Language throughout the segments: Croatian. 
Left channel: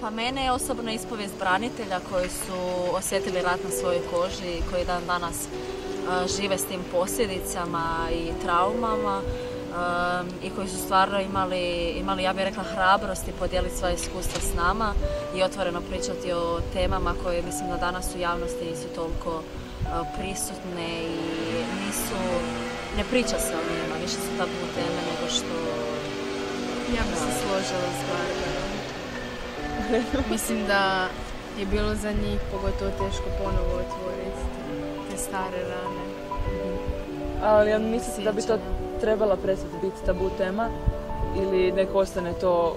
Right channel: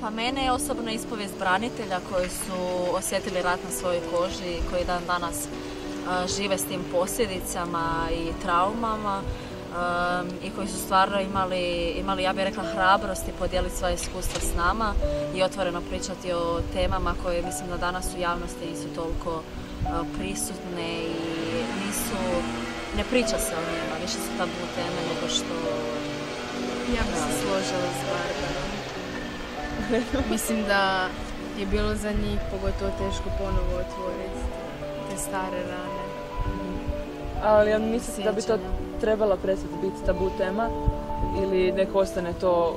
Pa mene je osobno ispovijest branitelja koji su osjetili rat na svojoj koži i koji dan danas žive s tim posljedicama i traumama i koji su stvarno imali ja bih rekla, hrabrosti podijeliti svoje iskustvo s nama i otvoreno pričati o temama koje mislim da danas u javnosti nisu toliko prisutne i ne priča se o njima, više su tabu teme nego što ja bi se složila s Barbarom. Mislim da je bilo za njih pogotovo teško ponovo otvoriti te stare rane. Ali mislim da bi to trebalo prestati biti tabu tema ili nek ostane to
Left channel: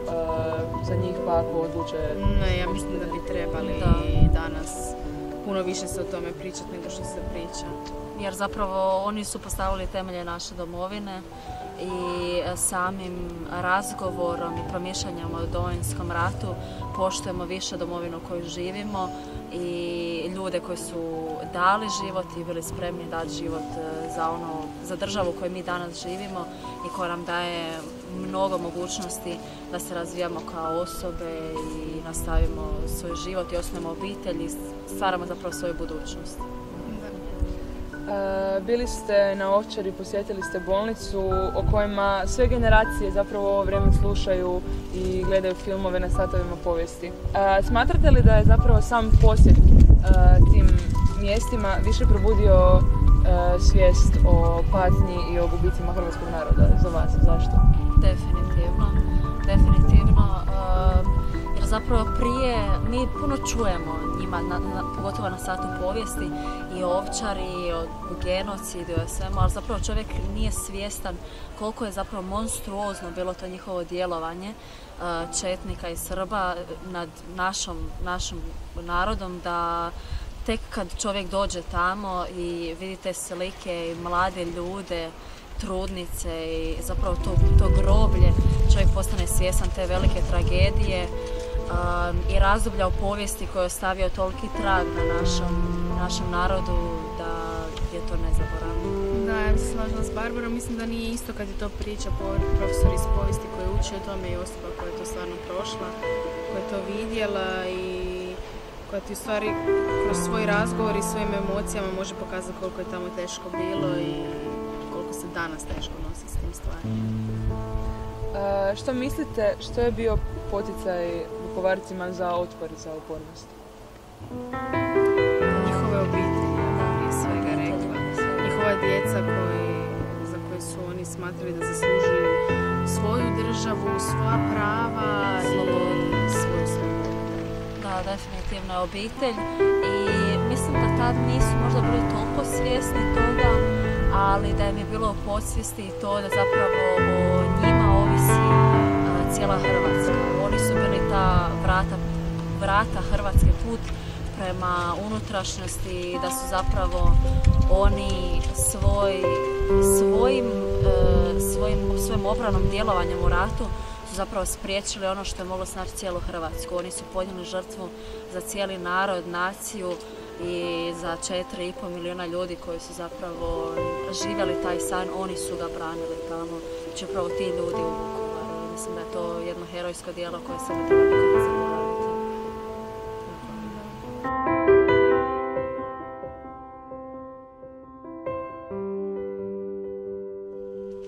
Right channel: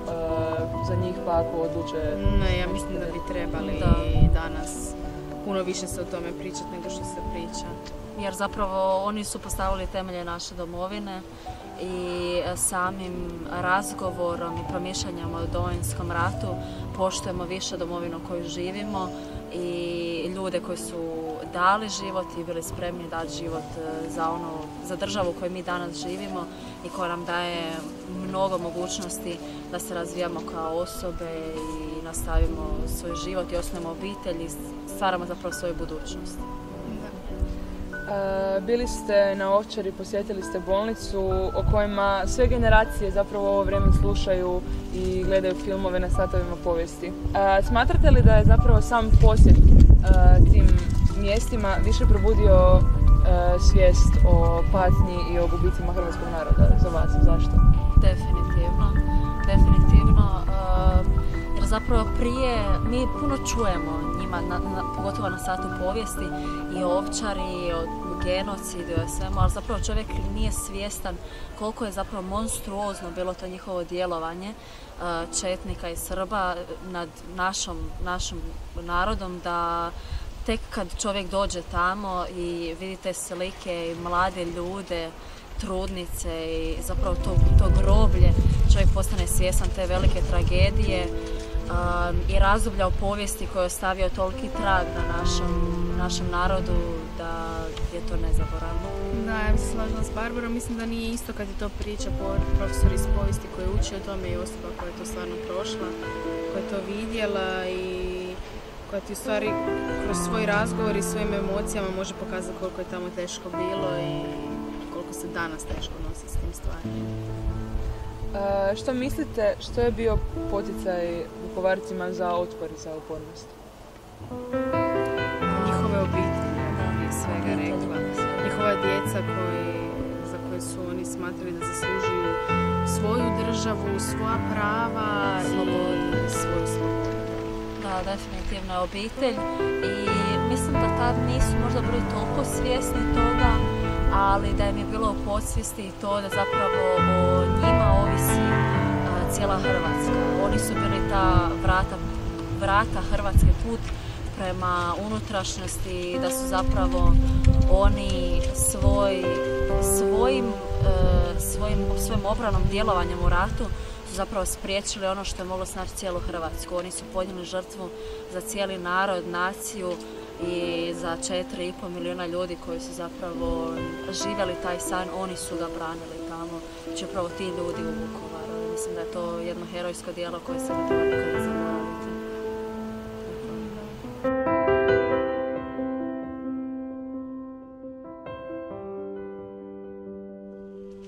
za njih pa ako odluče. Ne, ja mislim da bi trebali i danas puno više se o tome pričati nego što se priča. Jer zapravo oni su postavili temelje naše domovine i samim razgovorom i promišljanjem o Domovinskom ratu poštujemo više domovinu koju živimo i ljude koji su dali život i bili spremni dati život za državu koju mi danas živimo i koja nam daje mnogo mogućnosti da se razvijamo kao osobe i nastavimo svoj život i osnovimo obitelj i stvaramo zapravo svoju budućnost. Bili ste na Ovčari, posjetili ste bolnicu o kojima sve generacije zapravo ovo vrijeme slušaju i gledaju filmove na svakodnevnoj povijesti. Smatrate li da je zapravo sam posjet tim mjestima više probudio svijest o patnji i o gubicima hrvatskog naroda za vas? Zašto? Definitivno. Jer zapravo prije mi puno čujemo o njima, pogotovo na satu povijesti i o Ovčari, i o genocidu, i o svemu, ali zapravo čovjek nije svjestan koliko je zapravo monstruozno bilo to njihovo djelovanje četnika i Srba nad našim narodom, da tek kad čovjek dođe tamo i vidite slike i mlade ljude, trudnice i zapravo to groblje, čovjek postane svjestan te velike tragedije i razdoblja u povijesti koje je ostavio toliki trag na našem narodu da je to nezaboravno. Da, ja se slažem s Barbarom, mislim da nije isto kad je to priča profesor iz povijesti koja uči o tome i osoba koja je to stvarno prošla, koja je to vidjela i da ti u stvari kroz svoj razgovor i svojim emocijama može pokazati koliko je tamo teško bilo i koliko se danas teško nosi s tim stvarima. Što mislite, što je bio poticaj Vukovarcima za otpor, za upornost? Njihove obitelji, prije svega rekla. Njihova djeca za koje su oni smatrali da zaslužuju svoju državu, svoja prava i svoju slobodu. Da, definitivno je obitelj i mislim da tad nisu možda bili toliko svjesni toga, ali da im je bilo u podsvijesti i to da zapravo o njima ovisi cijela Hrvatska. Oni su bili ta vrata Hrvatske put prema unutrašnjosti, da su zapravo oni svojim obranom djelovanjem u ratu su zapravo spriječili ono što je moglo snaći cijelu Hrvatsku. Oni su podnijeli žrtvu za cijeli narod, naciju i za 4,5 milijuna ljudi koji su zapravo živjeli taj san, oni su ga branili tamo i će upravo ti ljudi u Vukovaru. Mislim da je to jedno herojsko djelo koje se ne treba nikada zaboraviti.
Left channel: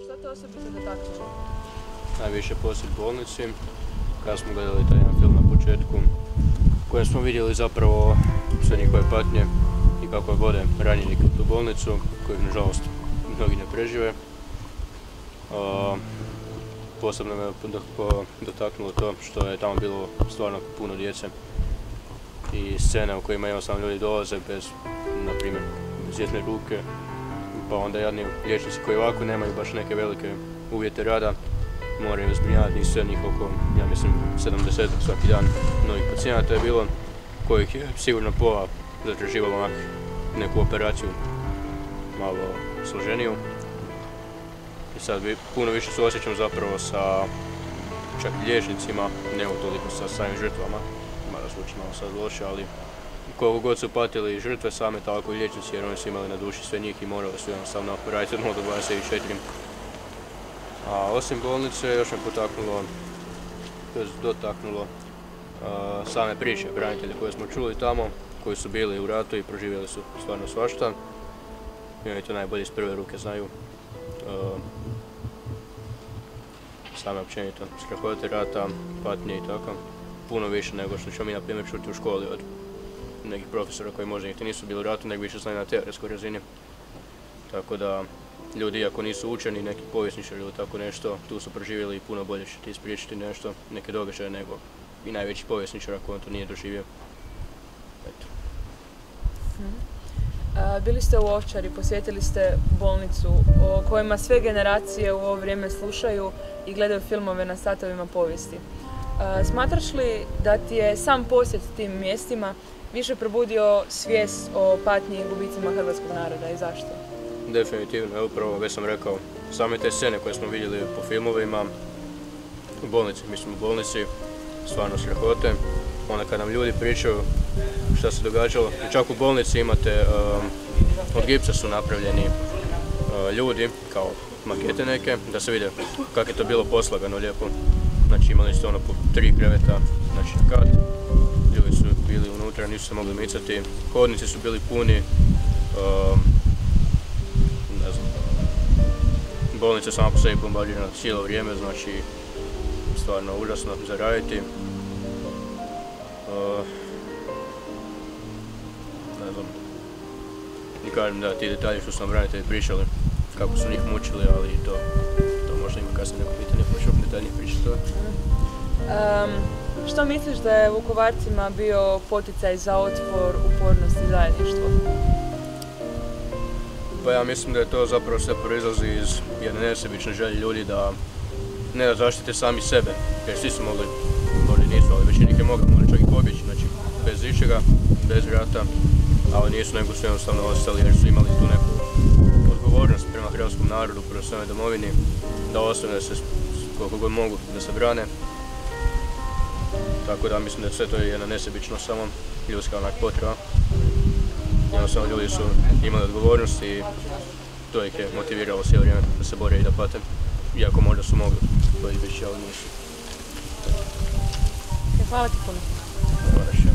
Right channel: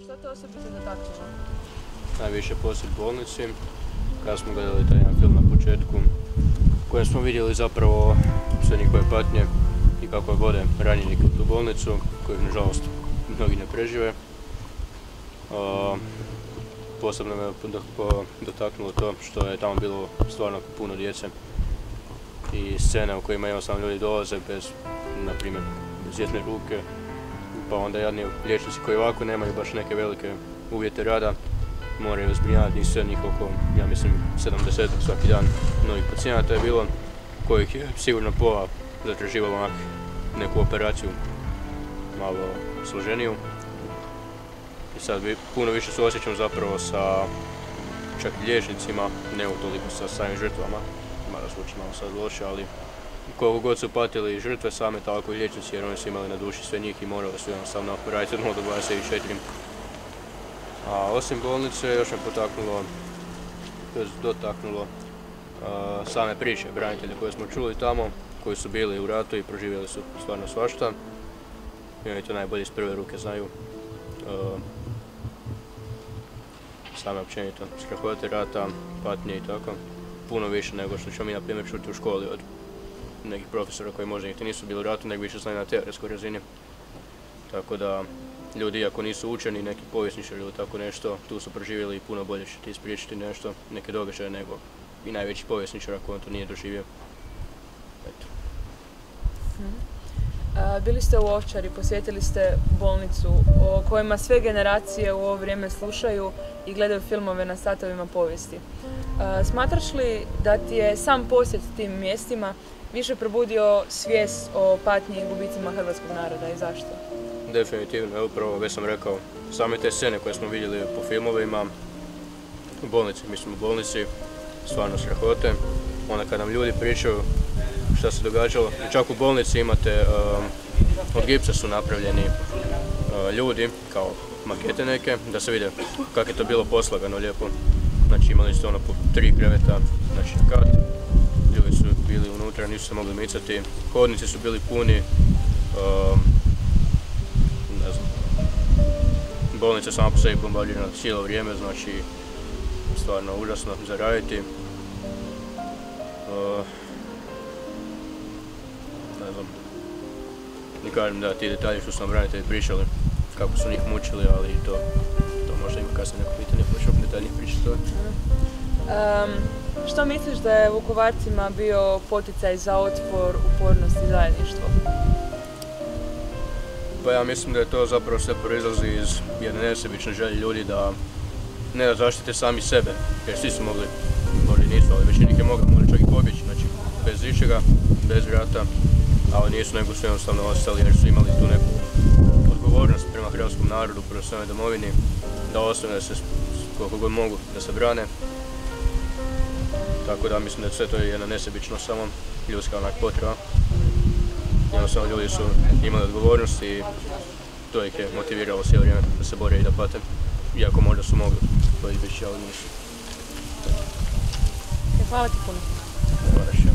Što te osobito dotaknulo? Najviše posjet bolnici, kada smo gledali taj jedan film na početku, kojem smo vidjeli zapravo sve njihove patnje i kako vode ranjenik u tu bolnicu, kojeg nažalost mnogi ne prežive. Posebno me dotaknulo to što je tamo bilo stvarno puno djece i scene u kojima jednostavno ljudi dolaze bez, na primjer, bez jedne ruke, pa onda jadni liječnici koji ovako nemaju baš neke velike uvjete rada, moraju zbrinjavati sve njih oko, ja mislim, 70 svaki dan novih pacijenata je bilo, kojih je sigurno pola zatraživalo neku operaciju malo složeniju. I sad puno više suosjećam zapravo sa čak liječnicima, ne toliko sa samim žrtvama, mada zvuči malo sad loše, ali koliko god su patili žrtve same, tako i liječnici, jer oni su imali na duši sve njih i morali su jednostavno raditi od 0 do 24. A osim bolnice još me dotaknulo same priče branitelja koje smo čuli tamo, koji su bili u ratu i proživjeli su stvarno svašta. I oni to najbolje iz prve ruke znaju. Same općenito strahote rata, patnje i tako. Puno više nego što ćemo mi na primjer čuti u školi od nekih profesora koji možda niti nisu bili u ratu, nego više znaju na teoretskoj razini. Tako da ljudi, ako nisu učeni, neki povjesničari ili tako nešto, tu su proživjeli i puno bolje će ti ispričati nešto, neke događaje nego i najveći povjesničar ako on to nije doživio. Eto. Bili ste u Ovčari, posjetili ste bolnicu o kojima sve generacije u ovo vrijeme slušaju i gledaju filmove na satovima povijesti. Smatraš li da ti je sam posjet tim mjestima više probudio svijest o patnji i gubicima hrvatskog naroda i zašto? Definitivno, upravo već sam rekao, same te scene koje smo vidjeli po filmovima, u bolnici, stvarno strahote. Onda kad nam ljudi pričaju šta se događalo, i čak u bolnici imate, od gipsa su napravljeni ljudi, kao makete neke, da se vide kako je to bilo poslagano lijepo. Znači imali ste ono po 3 kreveta, znači na kat, ljudi su bili unutra, nisu se mogli micati, hodnici su bili puni, ne znam, bolnica sama po sebi bombardirana cijelo vrijeme, znači stvarno užasno za raditi. Ne znam, ne kažem da ti detalji što su nam branitelji pričali, kako su njih mučili, ali to možda ima kasnije neko pitanje, pa ću detaljnije pričati to. Što misliš da je Vukovarcima bio poticaj za otpor, upornost i zajedništvo? Pa ja mislim da je to zapravo sve proizlazi iz jedne nesebične želje ljudi da ne da zaštite sami sebe, jer svi su mogli, možda nisu, ali većina ih je mogla čak i pobjeći, znači bez ičega, bez rata, ali nisu, nego su jednostavno ostali jer su imali tu neku odgovornost prema hrvatskom narodu, prema svojoj domovini, da ostane da se koliko god mogu da se brane. Tako da mislim da sve to je jedna nesebičnost, samo ljudska onak potreba. Jednostavno ljudi su imali odgovornost i to ih je motiviralo cijelo vrijeme da se bore i da pate. Iako možda su mogli to izbjeći, ali nisu. Hvala ti puno. Ne moraš.